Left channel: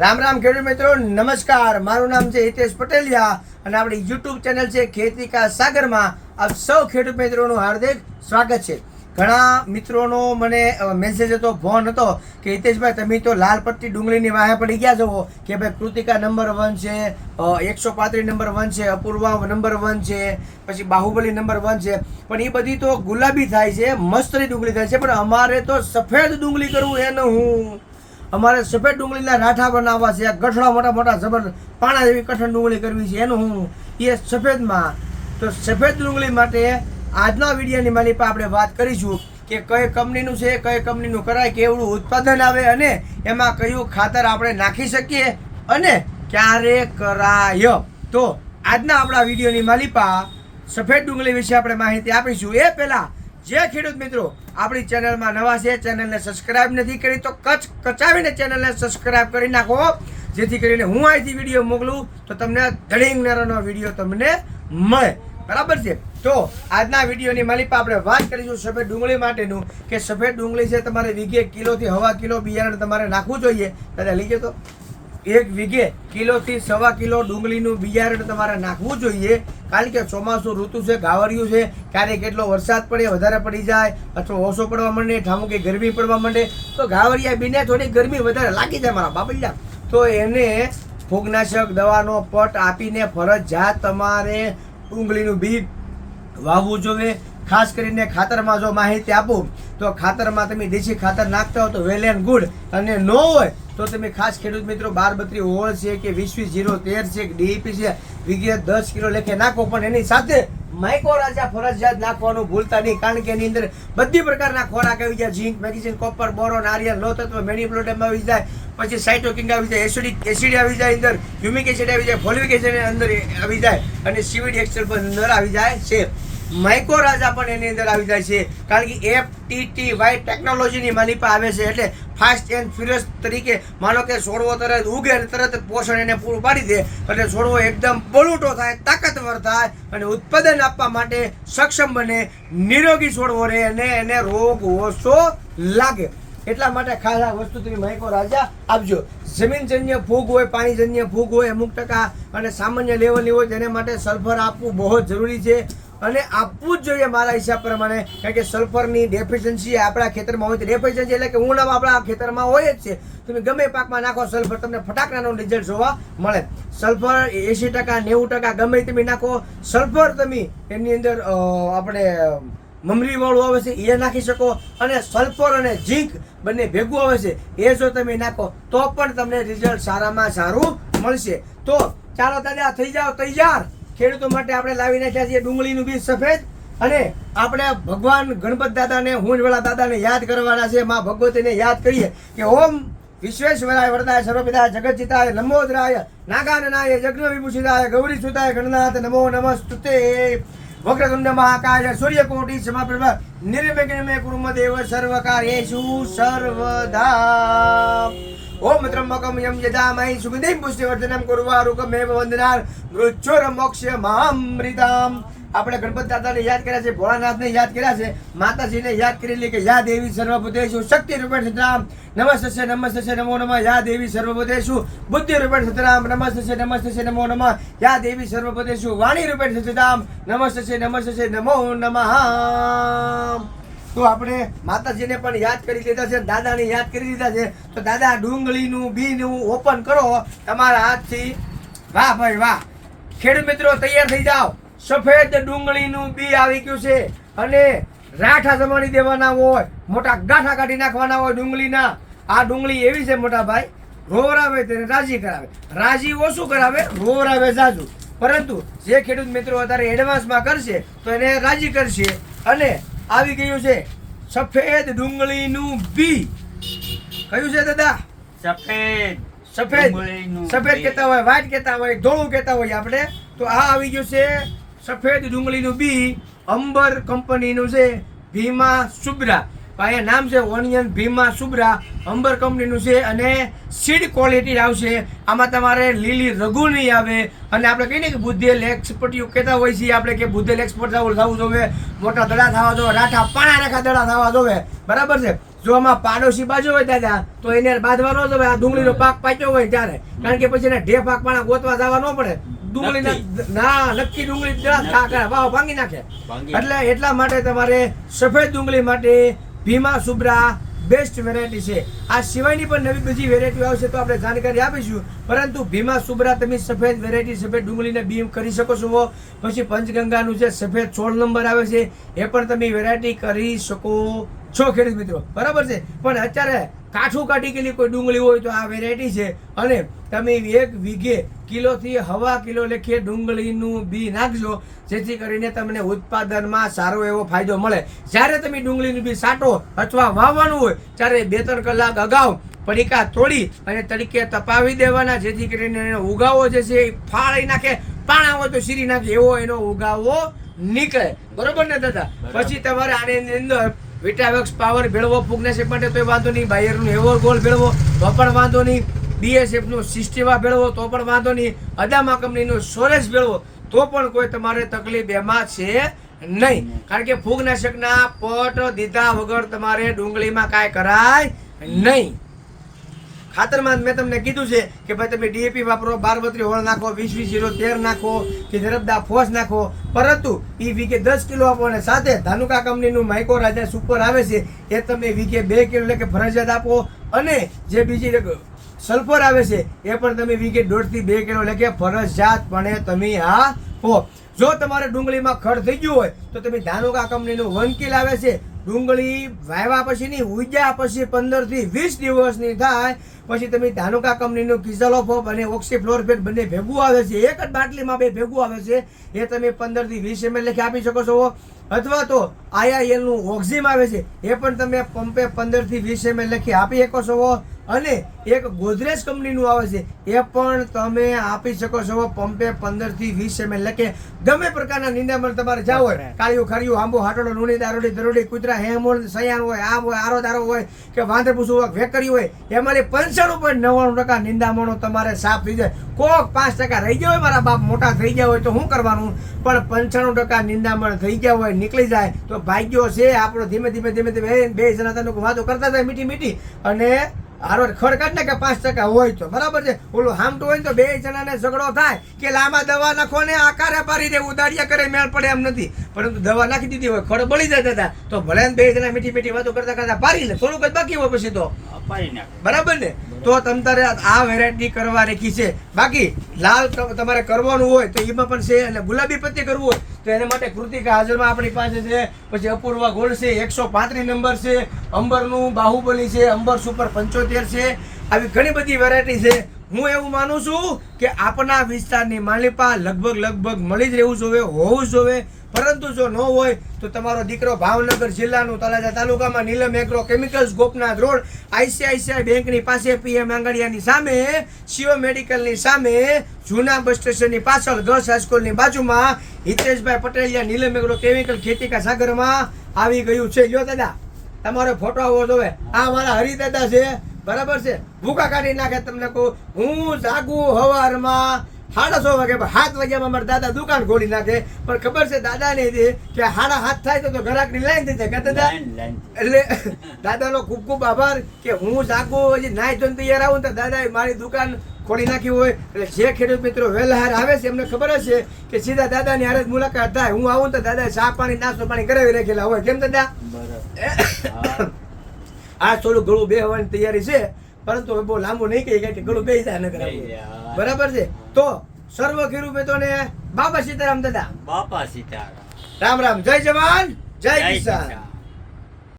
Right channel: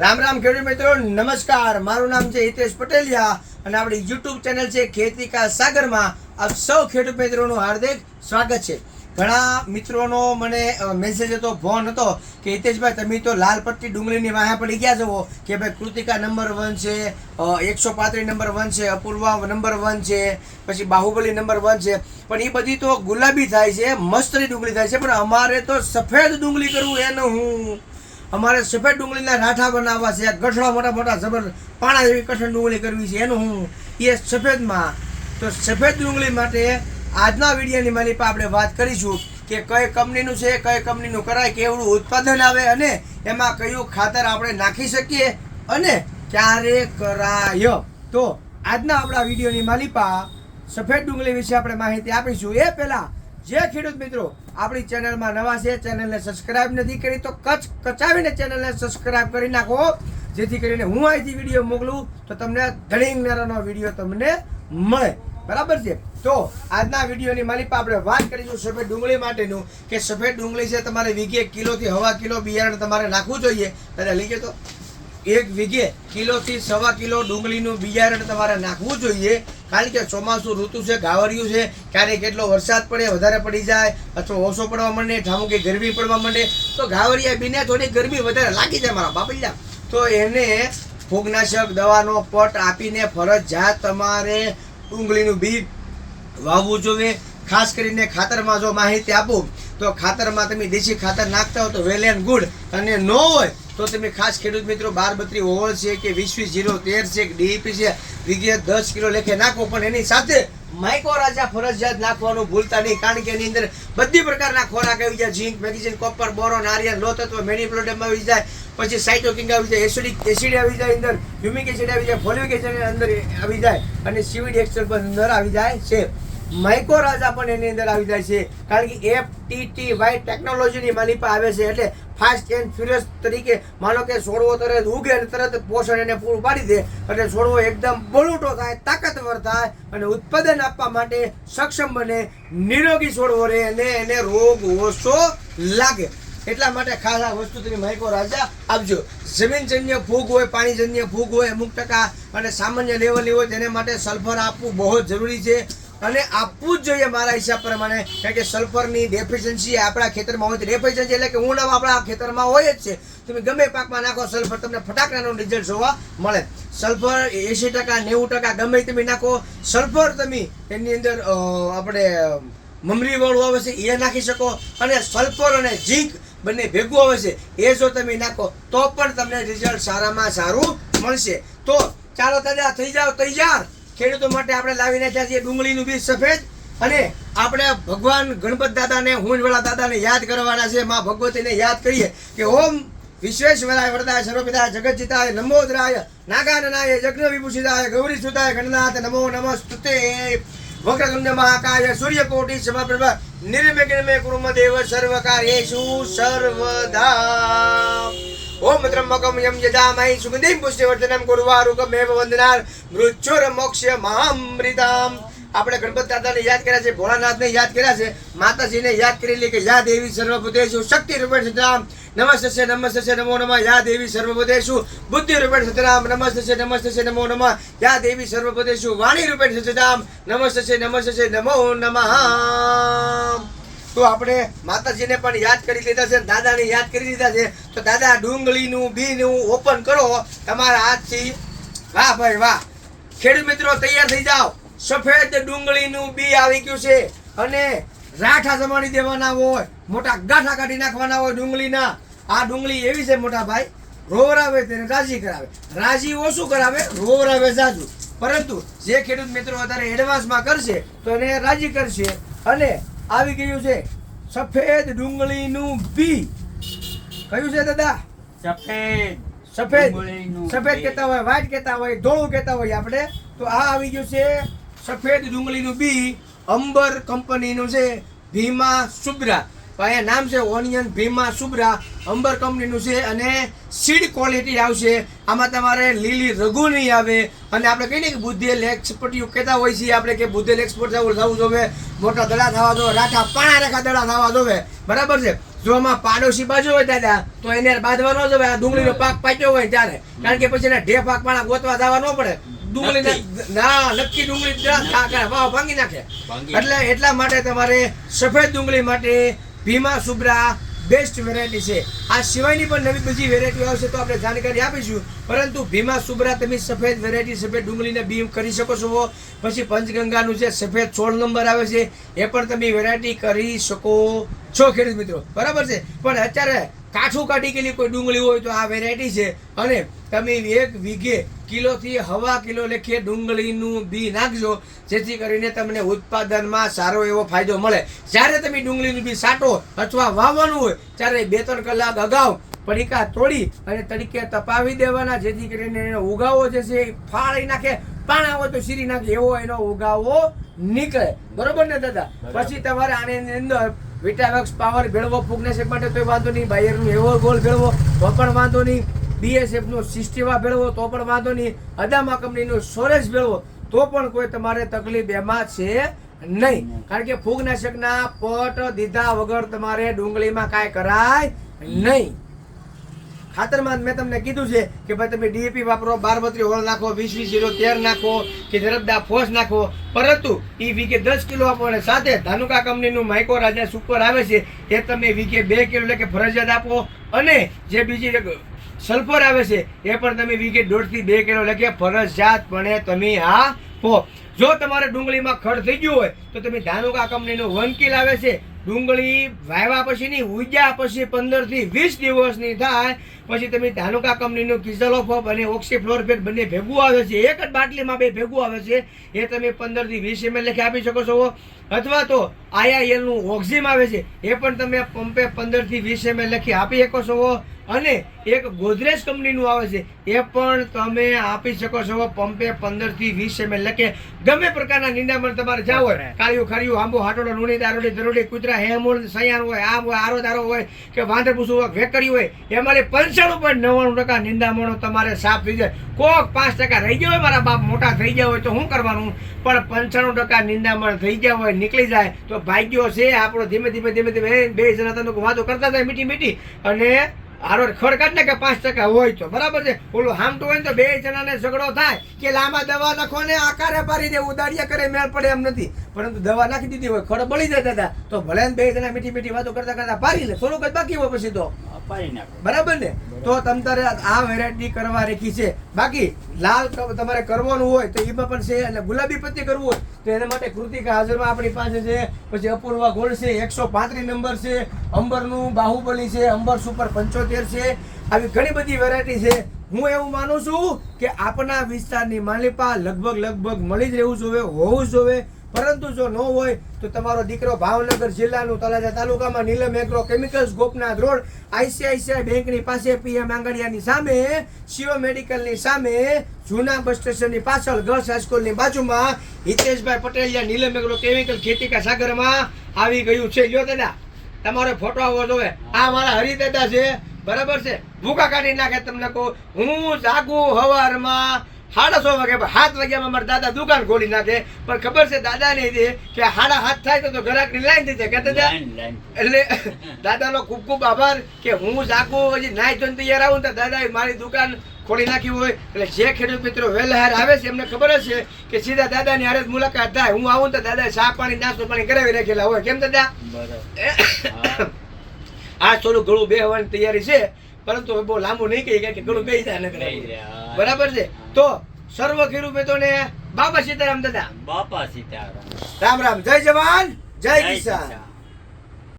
રામ રામ ખેડૂત મિત્રો, નમસ્કાર. મારું નામ છે હિતેશ પટેલિયા અને આપણી યુટ્યુબ ચેનલ છે ખેતી કા સાગરમાં આપ સૌ ખેડૂત મિત્રોનું હાર્દિક સ્વાગત છે. ઘણા મિત્રોનો મને મેસેજ હતો ફોન હતો કે, હિતેશભાઈ, તમે તો લાલ પટ્ટી ડુંગળીની વાહે પડી ગયા છો. કે ભાઈ, કૃતિકા નંબર વન છે એકસો પાંત્રીસ નંબર વન છે, અપૂર્વા નંબર વન છે, પછી બાહુબલી નંબર વન છે. પણ એ બધી તો ગુલાબી થાય છે મસ્તની ડુંગળી થાય છે, પણ અમારે તો સફેદ ડુંગળી કરવું એનું હું અમારે સફેદ ડુંગળીના રાઠા બનાવવા છે. ગઠડા મોટા મોટા જબર પાણા જેવી કઠણ ડુંગળી કરવી છે. એનું હું એ સફેદમાં. તો સફેદ ડુંગળી માટે આજના વિડીયોની મારી પાસે આપણે વાત કરીશું કે કઈ કંપનીનું છે, કઈ કંપનીનું કરાય, કેવડું ઉત્પાદન આવે અને એમાં કયું ખાતર આપણે નાખી શકીએ અને ક્યારે કરાય. તો આજના આપણા વિડીયોની માલિપા સફેદ ડુંગળી વિશે આપણે માહિતી આપીશું. એ પહેલા જે ખેડૂત મિત્રો, આપણી ચેનલમાં નવા છે, ચેનલને સબસ્ક્રાઇબ નથી કરી તો કચ કચાવીને ચેનલને સબસ્ક્રાઇબ કરી નાખો, જેથી કરીને હું અહીંથી વીડિયો મોકલું તો તમને ધડીંગ નેરોનો વીડિયો તમને મળે. બરાબર છે? તો આજના વિડીયોની માલિપા આપણે વાત કરીશું સફેદ ડુંગળી માટેનું, કે સફેદ ડુંગળી છે તમારે વીઘે કિલોથી હવા કિલો બિયારણ તમારે નાખવું જોઈએ. પહેલાં લીધે તો એક વીઘે કિલોથી સવા કિલો ડુંગળીનું બિયારણ તમારે નાખવું જોઈએ. કારણ કે ચોમાસું ઋતુ છે ગાવરિયું છે ક્યારેક કેટલો વરસાદ પડે, વધારે પડી જાય, અથવા ઓછો પડવા માંડે, ઠામું કે ગરમી પડવા માંડે, તો ગાવરિયા બીને થોડી ગરમી વધારે લાગી જાય મારા બાપલિયા. તો એને ફૂગનાશક દવાનો પટ આપીને ફરજિયાત તમારે ડુંગળીનું બી વાવવું જોઈએ. ખાસ કરીને ખાતરમાં જો માહિતી આપું, તો ખાતરમાં તમે દેશી ખાતર નાખતા હો તો વેલ એન્ડ ગુડ. અને ન હોય તો તમે ખાસ ખેડૂત મિત્રો બાર બત્રી ઓવર છે કે વીસ વીસ જીરો તેર છે, કે છે વિગત દસ કિલો લેખે નાખો, પણ એની સાથે માઇકો રાજા ફરજિયાત નાખવાનું ભૂલતા નહીં, કારણ કે એની અંદર બધી પ્રકારના ખોરાક આવી જાય zinc magnesium copper, boron, iron, લો તત્વ મેનિપ્લોડમ આવી જાય, પછી સાઇટોકિંગ આવી જાય, એસિડિક, એસિડ આવી જાય અંદર હ્યુમિક એસિડ આવી જાય ફોલિક એસિડ અંદર આવી જાય, અને સિવિડ એક્સર પણ અંદર આવી જાય છે. માઇકો રાજા પણ એની અંદર આવી જાય છે, કારણ કે એફ ટી ટી વાય ટેકનોલોજીની માલિપા આવે છે, એટલે ફાસ્ટ એન્ડ ફ્યુરિયસ તરીકે માનો કે છોડવો તરત ઉગે અને તરત પોષણ એને પૂરું પાડી દે, એટલે છોડવો એકદમ બળૂટો થાય, તાકાતવર થાય અને ઉત્પાદન આપવા માટે સક્ષમ બને, નિરોગી છોડવો રહે અને એને રોગ ઓછો લાગે. એટલા માટે ખાસ આ વસ્તુ તમે માઇકો રાજા આપજો. જમીનજન્ય ફૂગ હોય, પાણીજન્ય ફૂગ હોય, અમુક ટકા અને સામાન્ય લેવલની હોય તેને માટે સલ્ફર આપવું બહુ જરૂરી છે. અને આપવું જ જોઈએ મારા હિસાબ પ્રમાણે. કારણ કે સલ્ફરની ડેફિશિયન્સી આપણા ખેતરમાં હોય તો ડેફિશિયન્સી એટલે કે ઉણપ આપણા ખેતરમાં હોય જ છે. તમે ગમે પાકમાં નાખો, સલ્ફર તમને ફટાકડાનો રિઝલ્ટ જોવા મળે. સલ્ફર એંશી ટકા, નેવું ટકા, ગમે તમે નાખો, સલ્ફર તમે એની અંદર આપણે મમરીવાળું આવે છે, એ નાખી શકો. અને સલ્ફર અને ઝીંક બંને ભેગું આવે છે, એ જો તમે નાખો, તો પણ તમને રિઝલ્ટ સારામાં સારું મળશે. તો ચાલો દાદા થઈ જાઓ, તૈયાર? ખેડૂતો માટે આપણે લાવીને ત્યાં છીએ ડુંગળીનું બીજ સફેદ. અને આપણે ભગવાન ગણપત દાદાને, હુંજવાળા દાદાને યાદ કરવાના છે. માં ભગવતીને યાદ કરીએ કે ઓમ વિશ્વેશ્વરાય વરદાય સર્વપિતાય જગતજીતાય નમોદરાય નાગાનનાય જગ્ન વિભૂષિતાય ગૌરી સુતાય ગણનાથ નમો નમસ્તુતે. વક્રગુંડ મહાકાય સૂર્યકોટી સમપ્રભ. નિર્વિઘ્નમે કુર્મ દેવ સર્વકાર્યેષુ સર્વદા. ઓમ ત્રંબકમ યમ યજામહી સુગંધિમ પુષ્ટિવર્ધનમ કુર્વારુકમેવ વંદનાર મૃત્યુર મોક્ષ મહામૃતામ આપણે ગણપત દાદાને યાદ કર્યા છે, ભોળાનાથને યાદ કર્યા છે, માતાજીને યાદ કરેલી કે યા દેવી સર્વભૂતેશુ શક્તિ રૂપેણ સતરામ નમસ્તે નમસ્તે નમો નમઃ યા દેવી સર્વભૂતેશુ બુદ્ધિ રૂપેણ સતરામ નમસ્તે નમસ્તે નમો નમઃ યા દેવી સર્વભૂતેશુ વાણી રૂપેણ સતરામ નમસ્તે નમસ્તે નમો નમઃ. તો આપણે માતાજીને પણ યાદ કરી લીધા છે, દાદાને યાદ કરી લીધા છે. તો દાદા, ડુંગળીનું બીનું ઓપન કરો. તમારા હાથથી વાહ ભાઈ વાહ. ખેડૂત મિત્રો, તૈયાર થઈ જાઓ. સફેદ ડુંગળીનું બી આવી ગયું છે અને રાઠા જમાડી દેવાના હોય, મોટા ગાંઠા કાઢી નાખવાના હોય ડુંગળીના. આ ડુંગળી એવી છે મોટા ભાઈ, રોવરાવે તેને રાજી કરાવે. રાજી ઓછું કરાવે? રોવરાવે જાજુ. પરંતુ જે ખેડૂત મિત્રો અત્યારે એડવાન્સમાં કરશે, તો એને રાજી કરશે. અને આવી ગયું છે. સફેદ ડુંગળીનું બી. કયું છે દાદા? સફેદ સફેદ. સફેદ. કહેતા હોય વ્હાઈટ કહેતા હોય ધોળું કહેતા હોય આપણે. તો આ આવી ગયું છે સફેદ ડુંગળીનું બી અંબર કંપનીનું છે. ભીમા સુબ્રા. અહીંયા નામ છે ઓનિયન ભીમા સુબ્રા અંબર કંપનીનું છે અને સીડ ક્વોલિટી આવશે. આમાં તમારે લીલી રઘુ નહીં આવે. અને આપણે કહીએ કે બુદ્ધેલ એક્સપર્ટ કહેતા હોય છીએ આપણે કે બુદ્ધેલ એક્સપર્ટ થવું થવું જોવે મોટા દડા થવા દો રાઠા પાણા રેખા દડા થવા જોવે બરાબર છે? જો આમાં પાડોશી બાજુ હોય દાદા તો એને બાંધવા ન જવાય. આ ડુંગળીનો પાક પાક્યો હોય ત્યારે. કારણ કે પછી એને ઢે પાક પાણા ગોતવા જવા ન પડે. ડુંગળી ના નક્કી. ડુંગળી વાવ ભાંગી નાખે. એટલે એટલા માટે તમારે સફેદ ડુંગળી માટે ભીમા સુબ્રા બેસ્ટ વેરાયટી છે. આ સિવાયની પણ નવી બધી વેરાયટી આવશે તો આપણે જાણકારી આપીશું. પરંતુ ભીમા સુબ્રા તમે સફેદ વેરાયટી સફેદ ડુંગળીને બીમ કરી શકો છો. પછી પંચગંગાનું જે સફેદ સોળ નંબર આવે છે, એ પણ તમે વેરાયટી કરી શકો છો ખેડૂત મિત્રો. બરાબર છે? પણ અત્યારે કાઠું કાઢી ગયેલી કોઈ ડુંગળી હોય તો આ વેરાયટી છે. અને તમે એક વીઘે કિલોથી હવા કિલો લેખીએ ડુંગળીનું બી નાખજો જેથી કરીને તમને ઉત્પાદનમાં સારો એવો ફાયદો મળે. જ્યારે તમે ડુંગળીનું બી સાટો અથવા વાવવાનું હોય ત્યારે બે ત્રણ કલાક અગાઉ પડીકા તોડી અને તરીકે તપાવી દેવાના જેથી કરીને એનો ઉગાવો જે છે એ ફાળી નાખે પાણા હોય તો સીરી નાખે એવો એનો ઉગાવો નીકળે. બરોબર ને દાદા? પછી તમારે આની અંદર વિટાવેક્સ પાવર ભેળવો ફૂગનેશિપ માટે તોય વાંધો નહીં. બાયરનું એવો ગોલ ભેળવો, તો પણ વાંધો નહીં. બીએસએફનો સિસ્ટેવા ભેળવો, તો પણ વાંધો નહીં. અદામા કંપનીનો સોરેસ ભેળવો, તો પણ કોઈ તમારે તકલીફ એમાં છે નહીં. કારણ કે ફૂગનાશકના પટ દીધા વગર તમારે ડુંગળીમાં કાંઈ કરાય નહીં. ખાતરમાં મેં તમને કીધું છે કે ભાઈ તમે ડીએપી વાપરો બાર બત્રી હોળ નાખો, વીસ વીસ જીરો તેર નાખો, કે જરબદા ફોસ નાખો. પરંતુ એ વીઘે દસ કિલો આપો અને સાથે ધાનુકા કંપનીનું માઇકો રાજા સુપર આવે છે, એ તમે વીઘે બે કિલો એટલે કે ફરજિયાત આપો. અને જે બીજી સલ્ફર આવે છે, એ પણ તમે વીઘે દોઢથી બે કિલો એટલે ફરજિયાતપણે તમે આપો. જો તમારે ડુંગળીમાં ખડ થઈ ગયું હોય, તો તમે ધાનુકા કંપનીનું વન કિલ આવે છે ડુંગળી વાવ્યા પછીની ઉગ્યા પછી પંદરથી વીસ દિવસની થાય, પછી તમે ધાનુકા કંપનીનું કિઝલોફોપ અને ઓક્સીફ્લોરફેટ બંને ભેગું આવે છે, એક જ બાટલીમાં બે ભેગું આવે છે, એ તમે પંદરથી વીસ એમએલ લખી આપી શકો છો. અથવા તો આઈઆઈએલનું ઓક્ઝિમ આવે છે, એ પણ તમે પંપે પંદરથી વીસ એમએલ લખી આપી શકો છો. અને એક ગોદરેજ કંપનીનું આવે છે એ પણ તમે આપી શકો છો પંપે પંદરથી વીસ એમએલ લખે. ગમે પ્રકારના નિંદામણ તમારે જાવ હોય કાળિયું ખારિયું આંબો હાટોડો લુણી દારોડી દરોડી કૂતરા હેમોલ સયાન હોય આમ હોય આરો દારો હોય કે વાંદર પૂછું હોય વેકરી હોય એમાંથી પંચાણું પોઈન્ટ નવ્વાણું ટકા નિંદામણો તમારે સાફ થઈ જાય. કોક પાંચ ટકા રહી ગયા હોય મારા બાપ મોટા થઈ ગયા હોય તો શું કરવાનું? પણ પંચાણું ટકા નિંદામણ થઈ ગયા હોય નીકળી જાય તો ભાગ્યો છે આપણો ધીમે ધીમે ધીમે ધીમે બે જણા તમે વાતો કરતા થાય મીઠી મીઠી. અને હારો ખડકાટ ને કે પાંચ ટકા હોય તો. બરાબર છે? ઓલું હામટું હોય તો બે જણાને ઝઘડો થાય કે લાંબા દવા નાખો ને આકારે પારી દે ઉદાડિયા કરે મેળ પડે એમ નથી. પરંતુ દવા નાખી દીધી હોય ખડ બળી જતા હતા તો ભલે બે જણા મીઠી મીઠી વાતો કરતા કરતા પારી લે. થોડુંક જ બાકી હોય પછી તો. બરાબર ને? તો તમ તારે આ વેરાયટી કરવા રેખી છે. બાકી લાલ તમારે કરવાનું હોય તો એમાં પણ છે અને ગુલાબી પત્તી કરવું હોય. તો એના માટે કૃતિકા હાજરમાં આપણી પાસે છે. પછી અપૂર્વા ગોલ્ડ છે, એકસો પાંત્રીસ નંબર છે, અંબરનું બાહુબલી છે, અંબર સુપર પંચોતેર છે. આવી ઘણી બધી વેરાયટી છે. હું એવું માનું છું કે આપણા વિસ્તારની માલિપા લગભગ લગભગ મળી જ રહેવું જોવે, હોવું જ જોઈએ પરંતુ જો ન હોય તો તમારો દીકરો ભાવનગર જિલ્લાનું તળાજા તાલુકામાં Neelam agro chemicals Gopnath road ICICI બેંકની પાસે પીએમ આંગડિયાની સામે, શિવ મેડિકલની સામે જૂના બસ સ્ટેશનની પાછળ ગર્લ્સ હાઈસ્કૂલની બાજુમાં હિતેશભાઈ પટેલિયા નીલમ એગ્રો કેમિકલ ખેતીકા સાગરમાં આવી ગયું છે. લ્યો દાદા, તમારો ફોટો આવો જોવે. આ મારા હરિદાદા છે. બરાબર છે? ભૂકા કાઢી નાખે તમને કહું. હું જાગું હવારમાં સાડા સો વાગે સાત વાગ્યામાં મારા દાદા દુકાન ખોલી નાખે. પણ ખબર છે દાદા ને કે સાડા હાથ થાય તો તો ગ્રાહકની લાઈન થઈ જાય. એટલે દાદાનો ખૂબ ખૂબ આભાર કે હું જાગું હજી નાઈ ધોઈને તૈયાર આવું ને તો દાદાએ મારી દુકાન ખોલી નાખી હોય. એટલે જે ખેડૂત મિત્રો વહેલા આવે છે એમને ખબર હશે છે કે સીધા દાદાની હારે મુલાકાત થાય. હું આવું ને તો દાદા ચા પાણી નાસ્તો પાણી કરાવી રાખેલા હોય. કેમ દાદા? આ થોડું ગળું બે હવાની તૈયારી છે પરંતુ બહુ લાંબુ નહીં કહી કે ગળું બે જાય બેહી જાય. બરાબર છે? તો સર્વ ખેડૂત ને બાપા સીતારામ દાદા. બાપા સીતારામ. રામ રામ. જય જવાન જય કિસાન.